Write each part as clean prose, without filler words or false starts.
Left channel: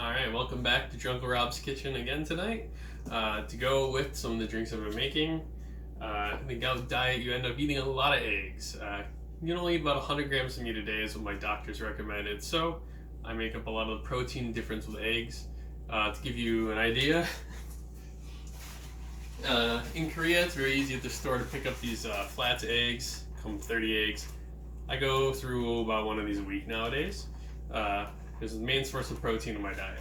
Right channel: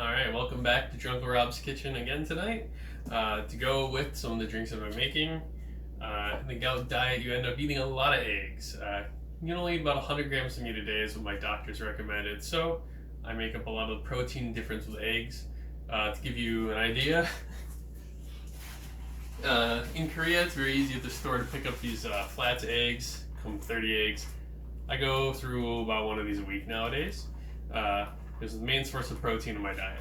Alright, welcome back to Drunklerob's kitchen again tonight. To go with some of the drinks I've been making, in the Gout diet you end up eating a lot of eggs. You can only eat about 100 grams of meat a day is what my doctors recommended, so I make up a lot of the protein difference with eggs. To give you an idea, in Korea it's very easy at the store to pick up these flats eggs, come 30 eggs. I go through about one of these a week nowadays. It's the main source of protein in my diet.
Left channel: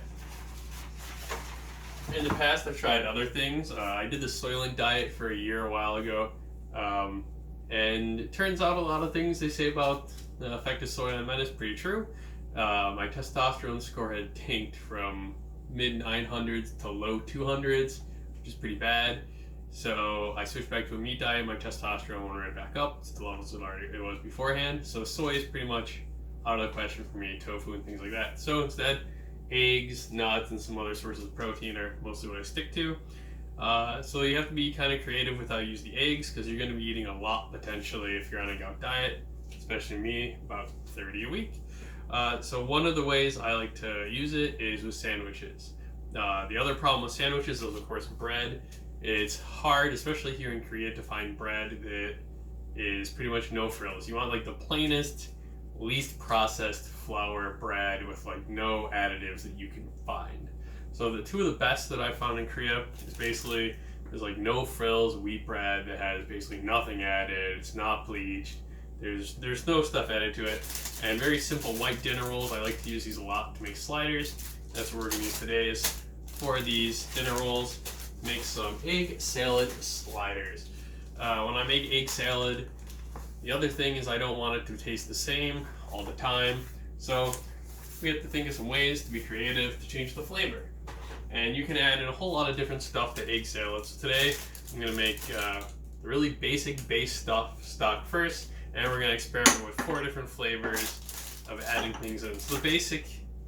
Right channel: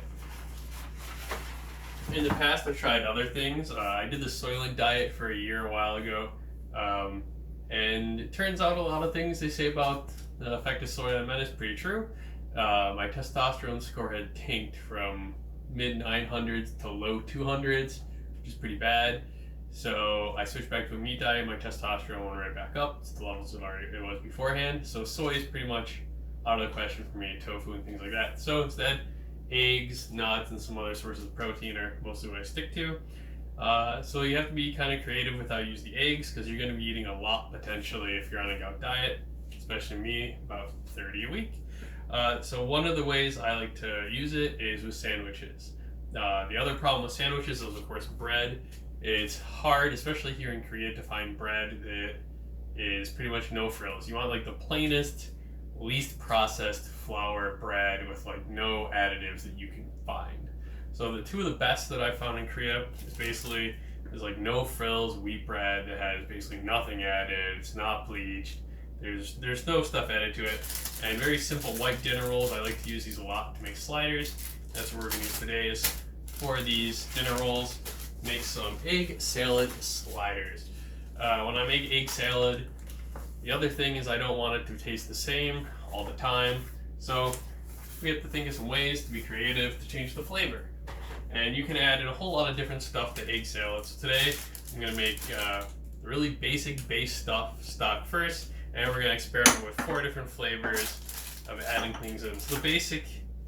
In the past, I've tried other things. I did the Soylent diet for a year a while ago, and it turns out a lot of things they say about the effect of soy on men is pretty true. My testosterone score had tanked from mid 900s to low 200s, which is pretty bad. So I switched back to a meat diet. My testosterone went right back up to the levels it was beforehand. So soy is pretty much out of the question for me, tofu and things like that. So instead, eggs, nuts, and some other sources of protein are mostly what I stick to. So you have to be kind of creative with how you use the eggs, because you're going to be eating a lot potentially if you're on a Gout diet, especially me, about 30 a week. So one of the ways I like to use it is with sandwiches. The other problem with sandwiches is, of course, bread. It's hard, especially here in Korea, to find bread that is pretty much no frills. You want like the plainest, least processed flour bread with like no additives that you can find. So the two of the best that I found in Korea is basically like no frills wheat bread that has basically nothing added. It's not bleached. There's no stuff added to it, and very simple white dinner rolls. I like to use these a lot to make sliders. That's what we're gonna use today. Is for these dinner rolls, make some egg salad sliders. When I make egg salad, the other thing is I don't want it to taste the same all the time, so we have to think of some ways to be creative to change the flavor. And you can add in a whole lot of different stuff to egg salad. So today I'm going to make the really basic base stock first, and we're going to experiment with 4 different flavors of adding things in. So the basic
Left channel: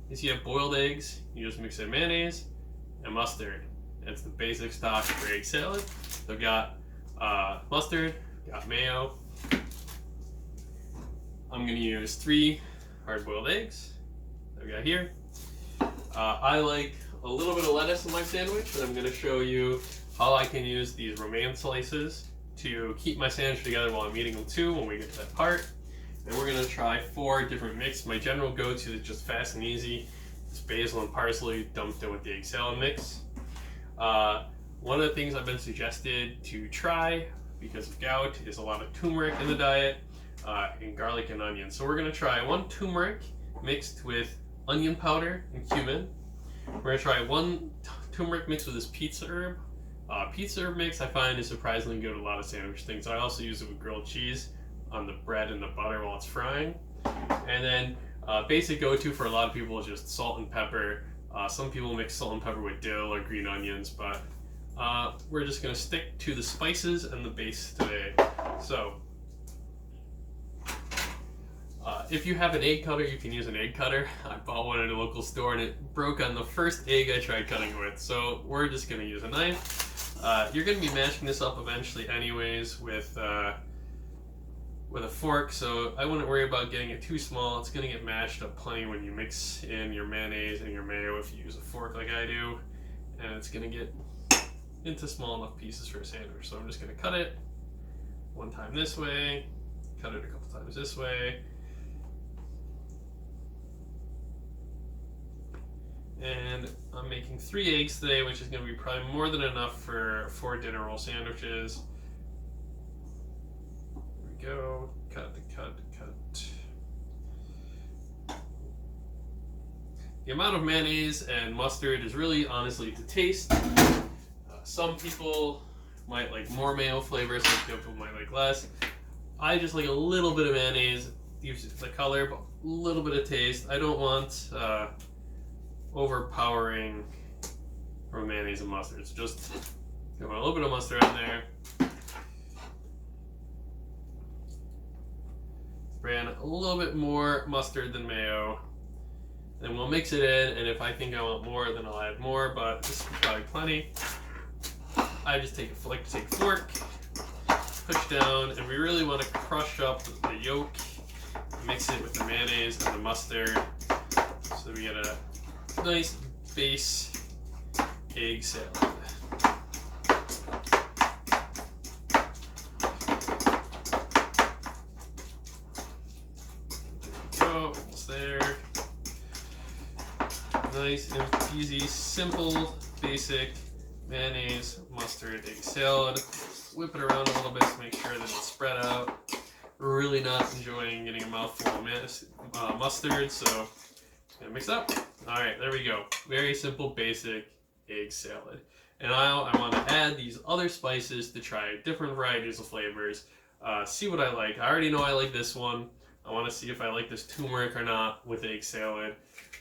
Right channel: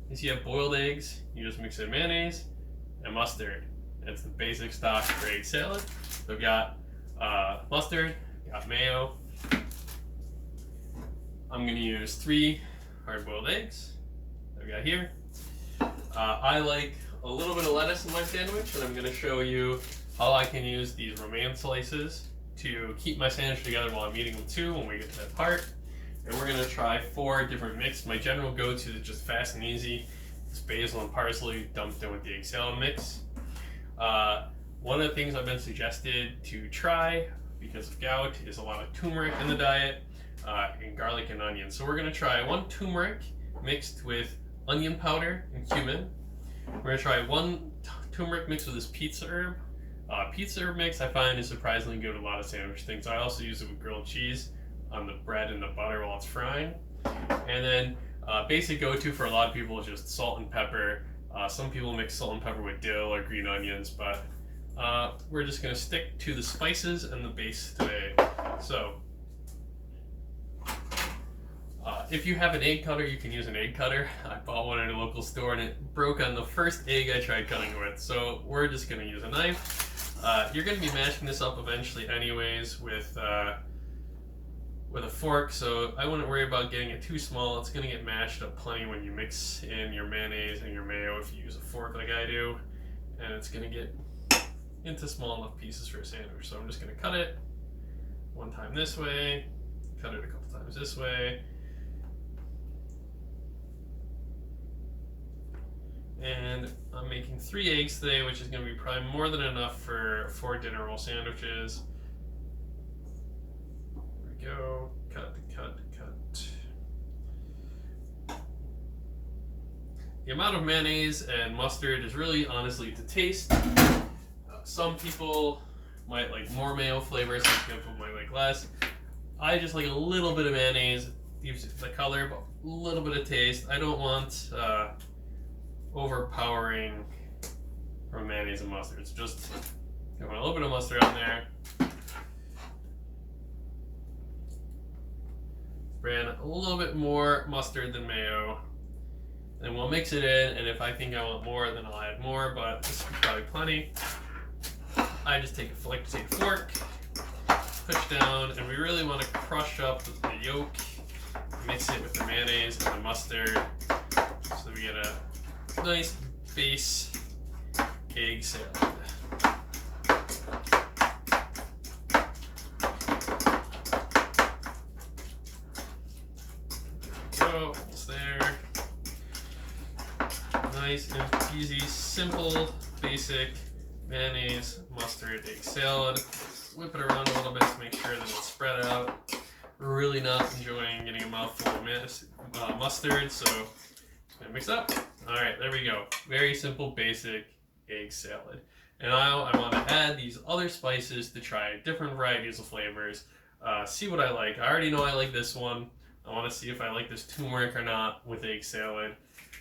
is you have boiled eggs, you just mix in mayonnaise and mustard. That's the basic stock for egg salad. So I've got mustard, got mayo. I'm going to use 3 hard-boiled eggs that I've got here. I like a little bit of lettuce in my sandwich, and I'm going to show you how I can use these romaine slices to keep my sandwich together while I'm eating them too when we get to that part. And we're going to try 4 different mix. My general go-to is just fast and easy. It's basil and parsley dumped in with the egg salad mix. One of the things I've been suggested to try because of gout is a lot of turmeric in the diet. And garlic and onion. So we're going to try 1 turmeric mixed with onion powder and cumin. We're going to try 1 turmeric mixed with this pizza herb. Pizza herb mix I find is surprisingly good with a lot of sandwich things. I also use it with grilled cheese on the bread and the butter while it's frying. And then basic go-to for a lot of people is just salt and pepper. Some people mix salt and pepper with dill or green onions, but we're just going to stick to the spices and the base today. So if you have an egg cutter, you can use an egg cutter. I bought one at a local store and it broke on the first egg I tried cutting with, so we're just going to use a knife. You're going to be mashing this up eventually anyways with a fork, so I wouldn't worry about getting it too small. It's going to get mashed up plenty when you mix in your mayonnaise and your mayo if you use a fork like I do, and it's going to get into small enough pieces for a sandwich. So I'm just going to cut it 1 time this way, cut it a couple times this way. And I'm making 3 eggs today, which is going to be probably more than enough for 4 dinner roll sandwiches. There we go. Cut. The amount of mayonnaise and mustard is really honestly to taste. Some people might like more mayo flavor, some people might like less. I just like a little bit of mayonnaise. It gives it the color, but a little bit of taste. I don't want overpowering from mayonnaise and mustard. So just a little bit of mustard on there. Ran a little bit more mustard than mayo. Then we'll mix it in, and if I think I want more, then I'll add more, but this is probably plenty. I just like to take a fork, push down, and we really want to crush up the yolk, mix it with the mayonnaise and the mustard so we get a nice base egg salad. Go, it's there. Nice and easy, simple, basic mayonnaise, mustard, egg salad. Whip it around a little bit to make sure that it's spread out. Really not enjoying getting a mouthful of mustard, so mix up. All right, there we go. Very simple, basic egg salad. And now I want to add these other spices to try different varieties of flavors. See what I like. I already know I like this one. I want to see if I like this turmeric or not with egg salad.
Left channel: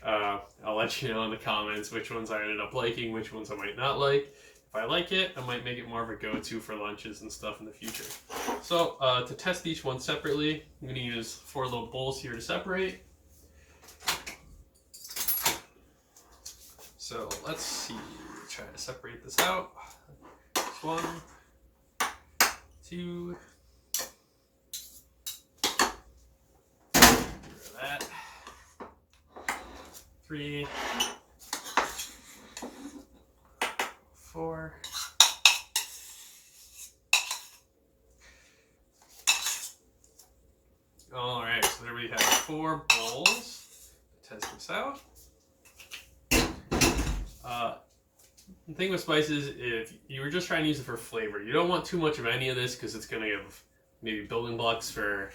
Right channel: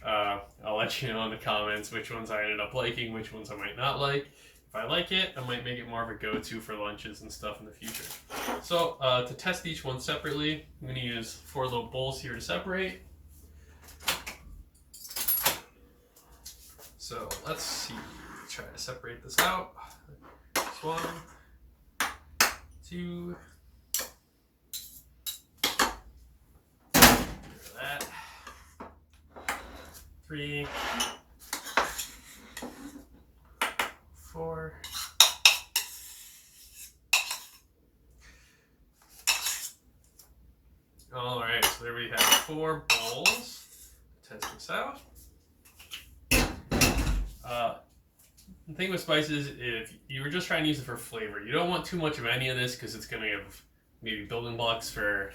I'll let you know in the comments which ones I ended up liking, which ones I might not like. If I like it, I might make it more of a go-to for lunches and stuff in the future. So to test each one separately, I'm going to use 4 little bowls here to separate. So let's see, try to separate this out. 1, 2, that. 3, 4. All right, so there we have 4 bowls. Test this out. The thing with spices, if you were just trying to use it for flavor, you don't want too much of any of this because it's going to give maybe building blocks for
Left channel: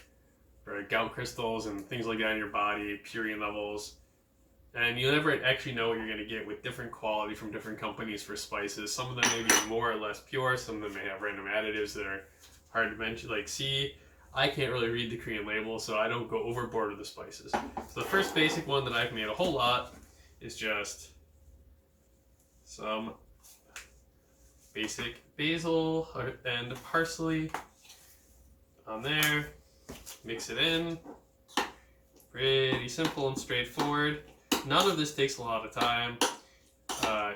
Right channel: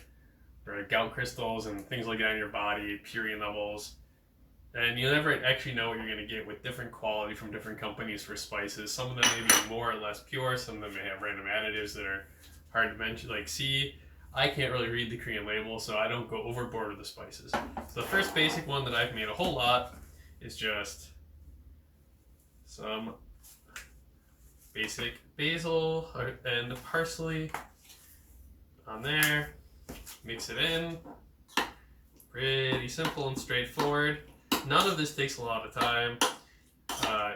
gout crystals and things like that in your body, purine levels. And you never actually know what you're going to get with different quality from different companies for spices. Some of them may be more or less pure. Some of them may have random additives that are hard to mention. Like, see, I can't really read the Korean label, so I don't go overboard with the spices. So the first basic one that I've made a whole lot is just some basic basil and parsley on there. Mix it in. Pretty simple and straightforward. None of this takes a lot of time.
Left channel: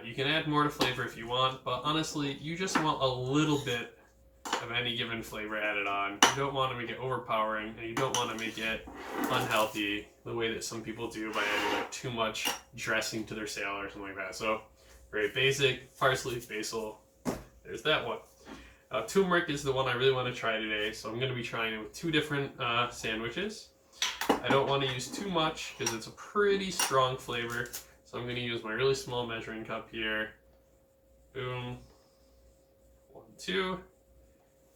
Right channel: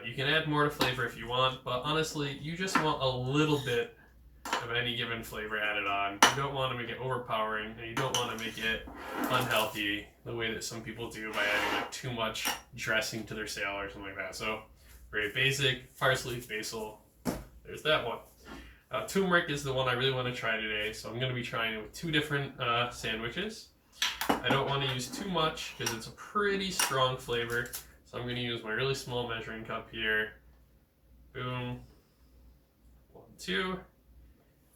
You can add more to flavor if you want, but honestly, you just want a little bit of any given flavor added on. You don't want to make it overpowering, and you don't want to make it unhealthy the way that some people do by adding like too much dressing to their salad or something like that. So very basic, parsley, basil. There's that one. Turmeric is the one I really want to try today, so I'm going to be trying it with 2 different sandwiches. I don't want to use too much because it's a pretty strong flavor, so I'm going to use my really small measuring cup here. Boom. 1, 2.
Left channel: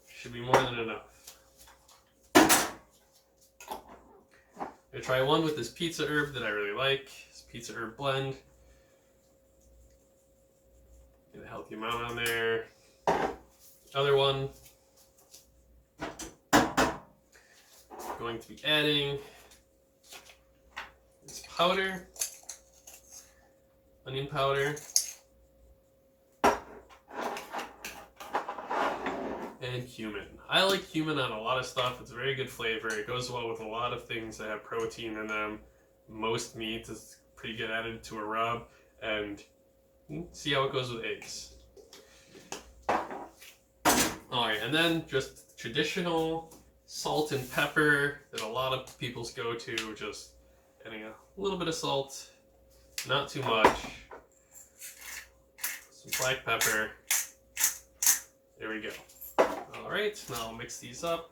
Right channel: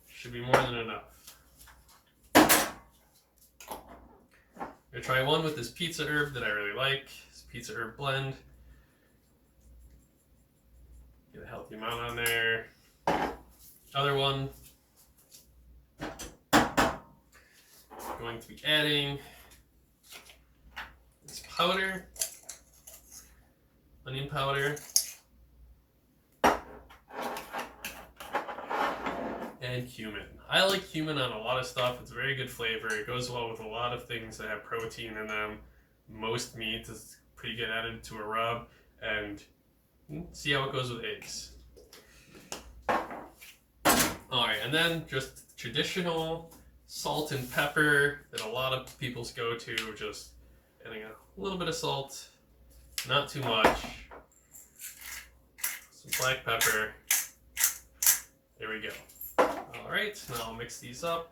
Should be more than enough. I'm going to try one with this pizza herb that I really like. This pizza herb blend. Get a healthy amount on there. Other one. Going to be adding this powder, onion powder, and cumin. I like cumin on a lot of stuff. It's a very good flavor. It goes well with a lot of things that have protein in them. Most meat is pretty good added to a rub, and see how it goes with eggs. Alright, and then just traditional salt and pepper that a lot of people's go to, just adding a little bit of salt, not too much, some black pepper. There we go. Alright, now I'll mix these up.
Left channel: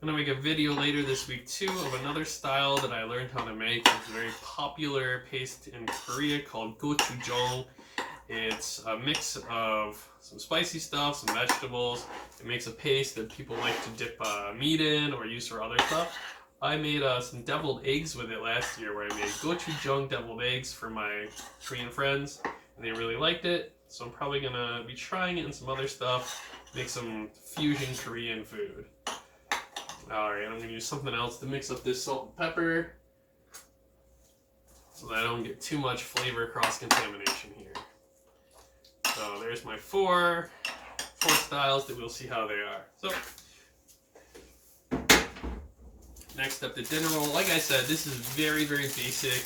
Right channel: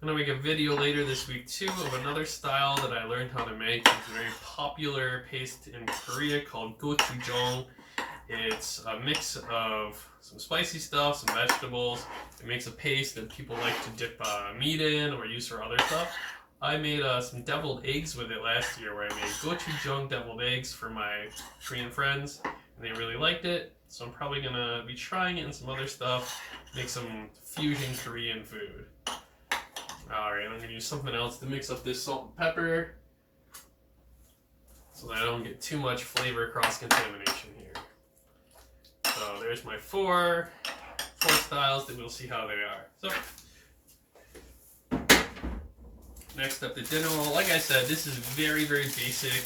I'm going to make a video later this week too of another style that I learned how to make. It's a very popular paste in Korea called gochujang. It's a mix of some spicy stuff, some vegetables. It makes a paste that people like to dip meat in or use for other stuff. I made some deviled eggs with it last year, where I made gochujang deviled eggs for my Korean friends, and they really liked it. So I'm probably going to be trying it in some other stuff, make some fusion Korean food. Alright, I'm going to use something else to mix up this salt and pepper so that I don't get too much flavor cross-contamination here. So there's my four styles that we'll see how they are. So next up, the dinner roll. Like I said, this is very, very basic.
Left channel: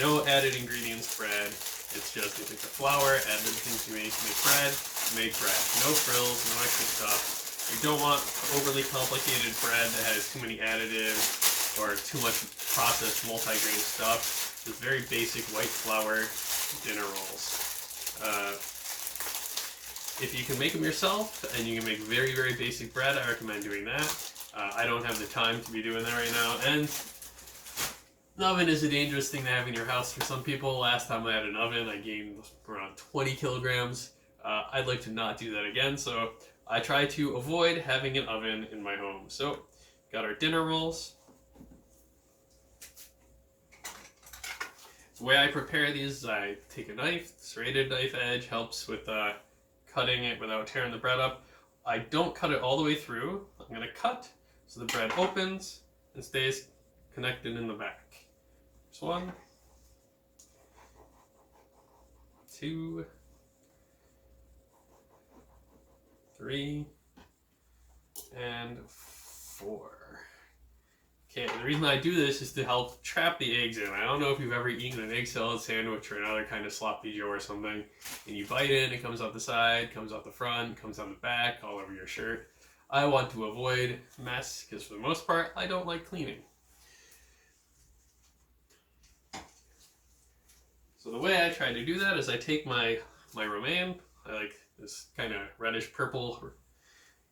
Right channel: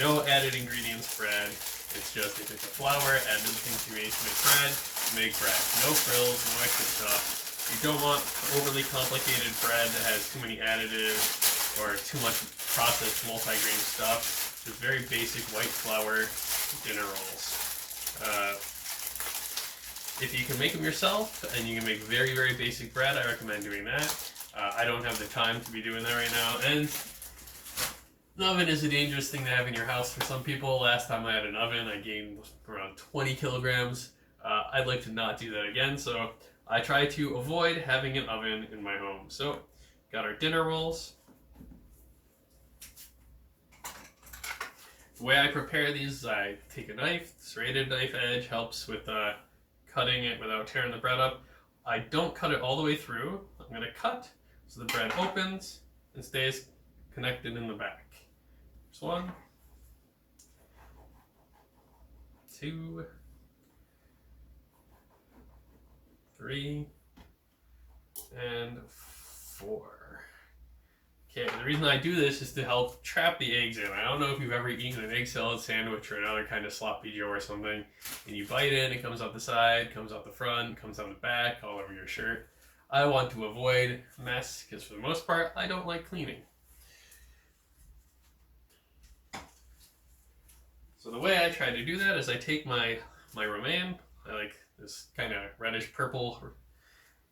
No added ingredients bread. It's just you take the flour, add the things you need to make bread. No frills, no extra stuff. You don't want overly complicated bread that has too many additives. or too much processed multi-grain stuff. Just very basic white flour dinner rolls. If you can make them yourself and you can make very, very basic bread, I recommend doing that. I don't have the time to be doing that right now, and an oven is a dangerous thing to have in your house for some people. Last time I had an oven, I gained around 20 kilograms. I'd like to not do that again, so I try to avoid having an oven in my home. So, got our dinner rolls. The way I prepare these is I take a knife, serrated knife edge helps with cutting it without tearing the bread up. I don't cut it all the way through. I'm going to cut so the bread opens and stays connected in the back. There's 1, 2, 3, and 4. Okay, the reason I do this is to help trap the eggs in. I don't know if you've ever eaten an egg salad sandwich or another kind of sloppy joe or something, and you bite in, it comes out the side, comes out the front, comes down the back, all over your shirt. I want to avoid mess, because for the most part, I don't like cleaning. So the way I try to do that is I take my romaine, I like this kind of reddish purple.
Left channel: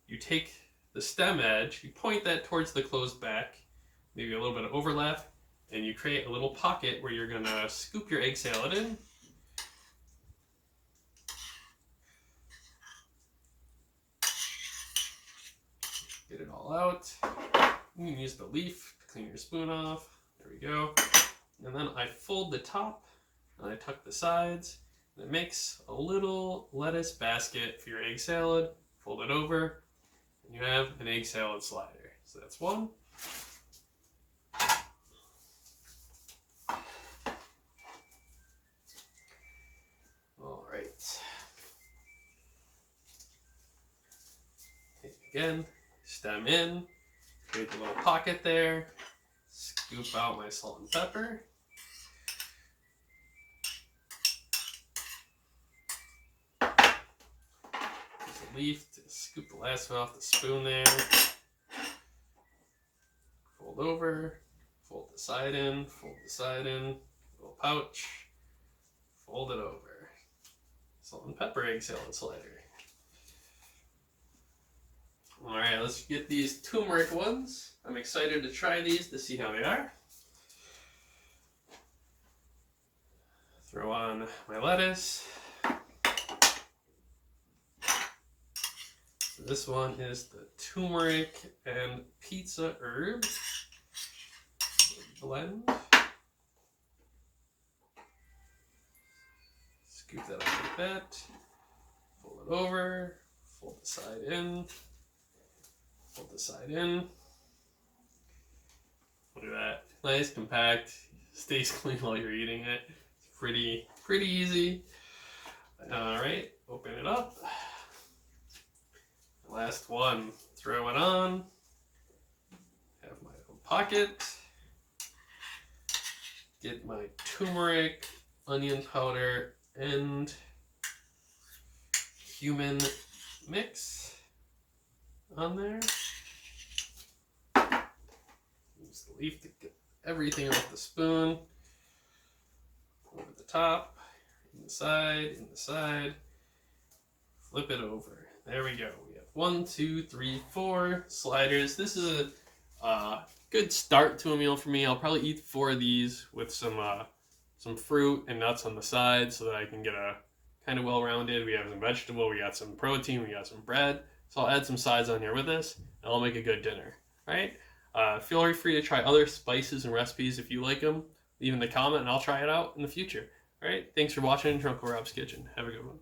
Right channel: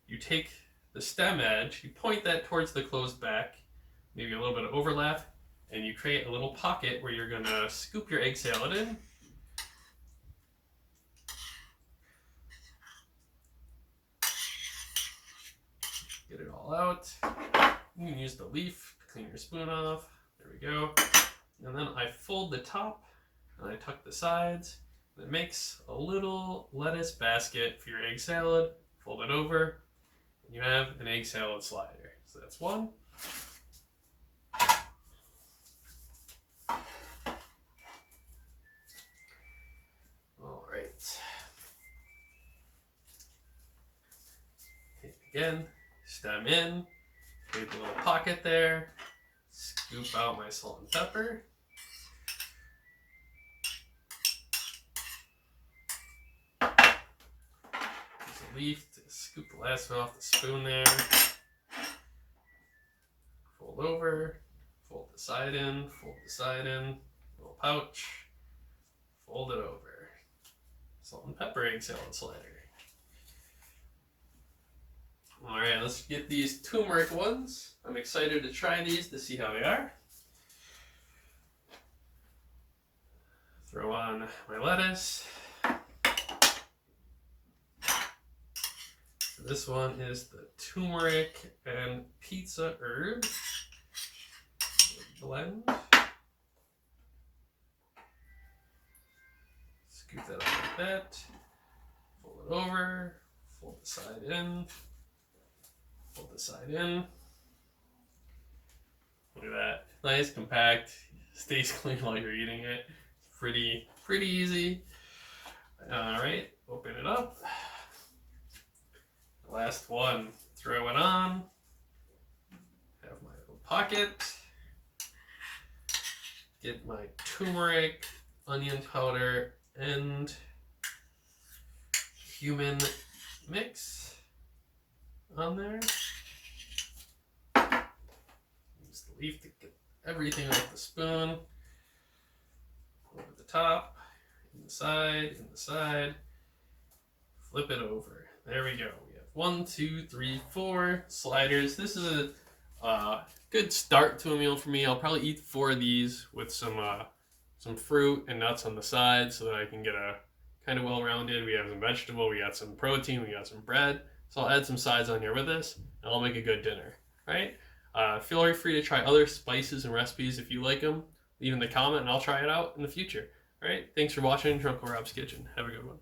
You take the stem edge, you point that towards the closed back, maybe a little bit of overlap, and you create a little pocket where you're going to scoop your egg salad in. Get it all out. You can use the leaf to clean your spoon off. There we go. And then I fold the top and I tuck the sides. It makes a little lettuce basket for your egg salad. Fold it over, and you have an egg salad slider. So that's 1. All right. Again, stem in, create the little pocket there, scoop out my salt and pepper. Leaf to scoop the last one off the spoon there. Fold over, fold the side in, fold the side in, little pouch, fold it over. Salt and pepper egg salad slider. Alright, let's get these turmeric ones. I'm excited to try these to see how they are. Throw on my lettuce. This one is the turmeric and pizza herb blend. Scoop that up like that. Fold it over. Fold the side in. Fold the side in. Look at that. Nice, compact. Stays clean while you're eating it. It's pretty easy. Alright, open it up. Last one, throw it on, have my little pocket, get my turmeric, onion powder, and cumin mix on there. Use the leaf to get everything off the spoon, over the top, in the side, flip it over. There we go. 1, 2, 3, 4 sliders. This is a good start to a meal for me. I'll probably eat 4 of these with some fruit and nuts on the side so that I can get a kind of well-rounded. We have some vegetable, we got some protein, we got some bread. So I'll add some sides on here with this, and I'll make a good dinner. All right? Feel free to try other spices and recipes if you like them. Leave in the comment, and I'll try it out in the future. All right? Thanks for watching Drunkerob's Kitchen. Have a good one.